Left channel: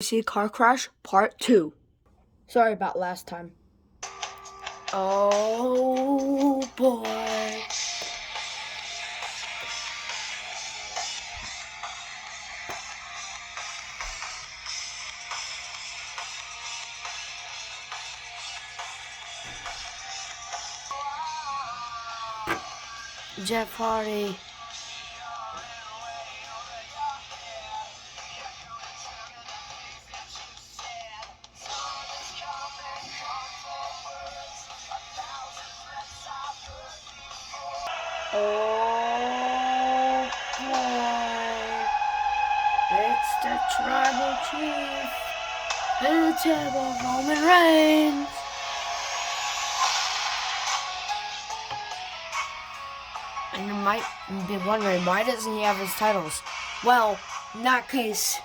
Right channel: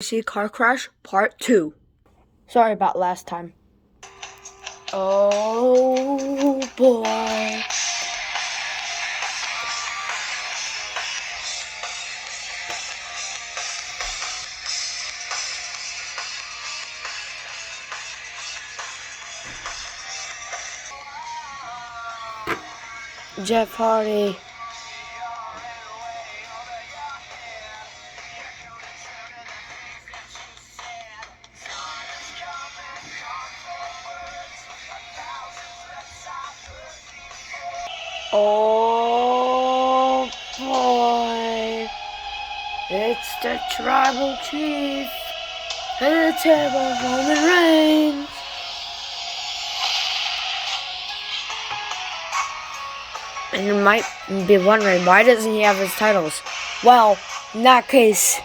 Wwc Car Crash Part 2. Sorry about last time. Oh boy. Jeff Hardy. Oh boy, it's the tribal chief and the terrible Roman Reigns. And you might be wondering, why doesn't he have his titles? Well, in that case,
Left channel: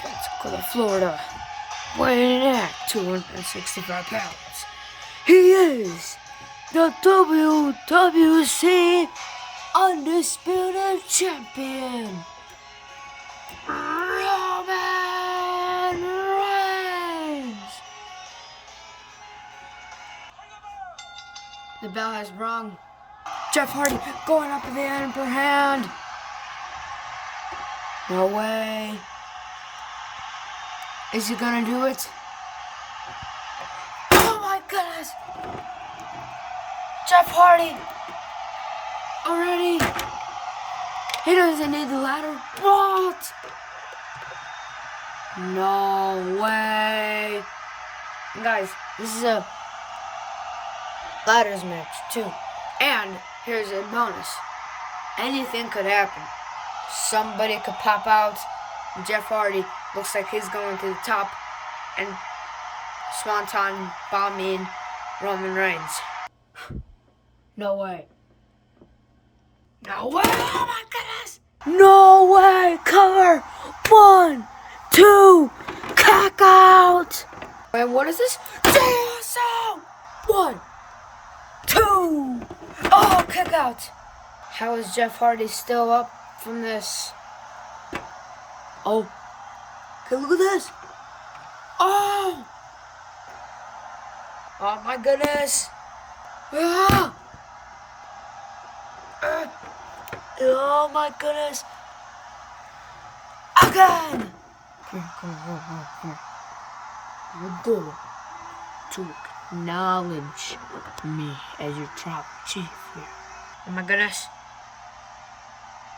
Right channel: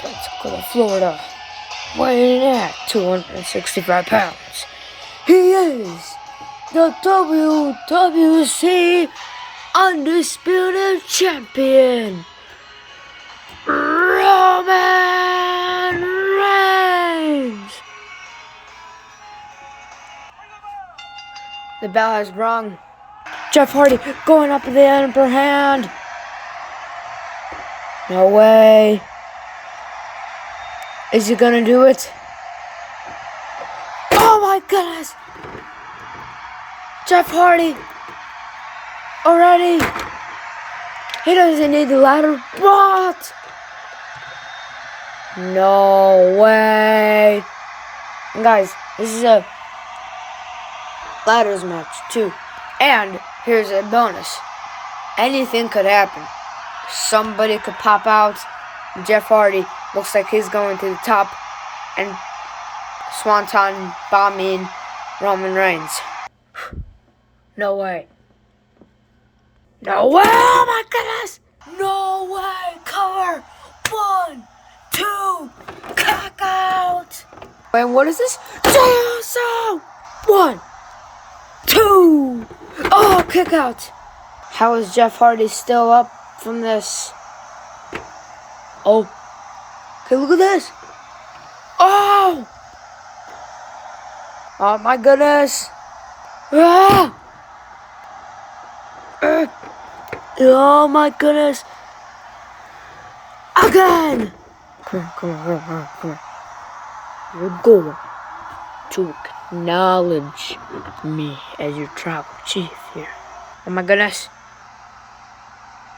Pensacola, Florida, weighing in at 265 pounds, he is the WWC Undisputed Champion, Roman Reigns. The bell has rung. Jeff Hardy going up in the upper hand. No way. Is he gonna do it? Oh my goodness! Jeff Hardy! Already! He doesn't need the ladder. What? No way! And guys, this is a ladders match too. And here's a bonus. Anything could happen. Somebody could pop out. Jeff Hardy looks like he's going to the top and swanton bombing Roman Reigns. No way. No way! Oh my goodness! No way! Cover! 1, 2, kick out! Wait, what is this? So 1, 2. Oh, kick out! How is Jeff Hardy still up from this? Oh. Okay, look at this. Oh! Oh my goodness. Ah! Oh my goodness. Again! Come on. You're going to acknowledge me as your tribal chief here. Oh my goodness.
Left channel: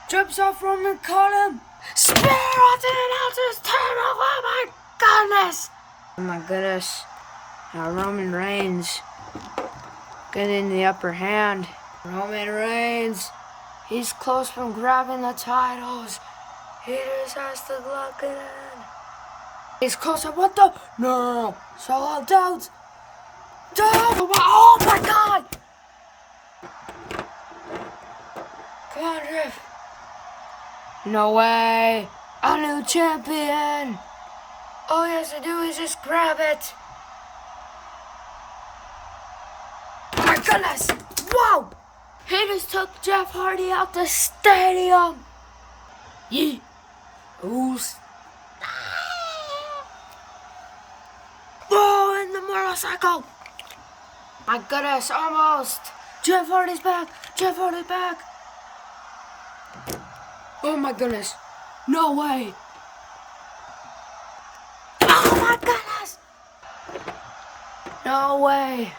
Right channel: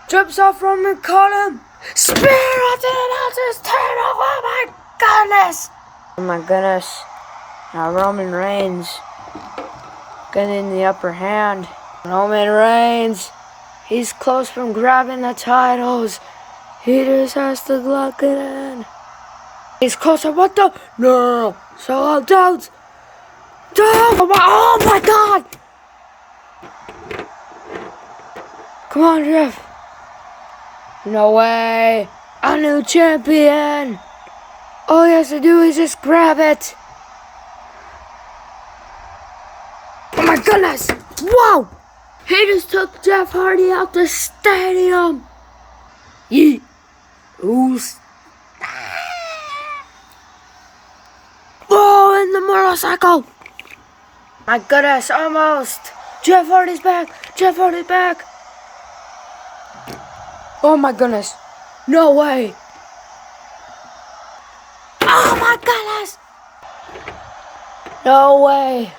Jumps off Roman, caught him. Spear at the announcer's table. Oh my goodness. Oh my goodness. Now Roman Reigns getting the upper hand. Roman Reigns. He's close from grabbing the titles. He just has to lock it in. He's closer. What the? No. So don't. Oh my god. Come on, Jeff. No way. A new champion. All he has to do is just grab it. Oh my goodness. Whoa. He just took Jeff Hardy out the stadium. Yeet. Who's? Oh, in the motorcycle. My goodness, almost. Jeff Hardy's back. Jeff Hardy's back. Oh my goodness. No way. Oh my goodness. No way.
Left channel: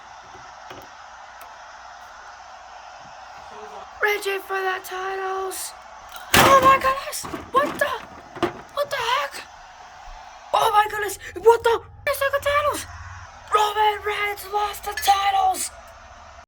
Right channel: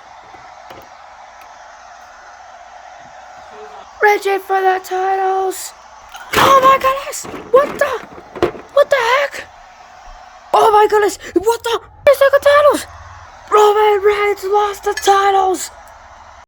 Rigid for the titles. Oh my goodness. What the heck? Oh my goodness. What the? He's got the titles. Roman Reigns lost the titles.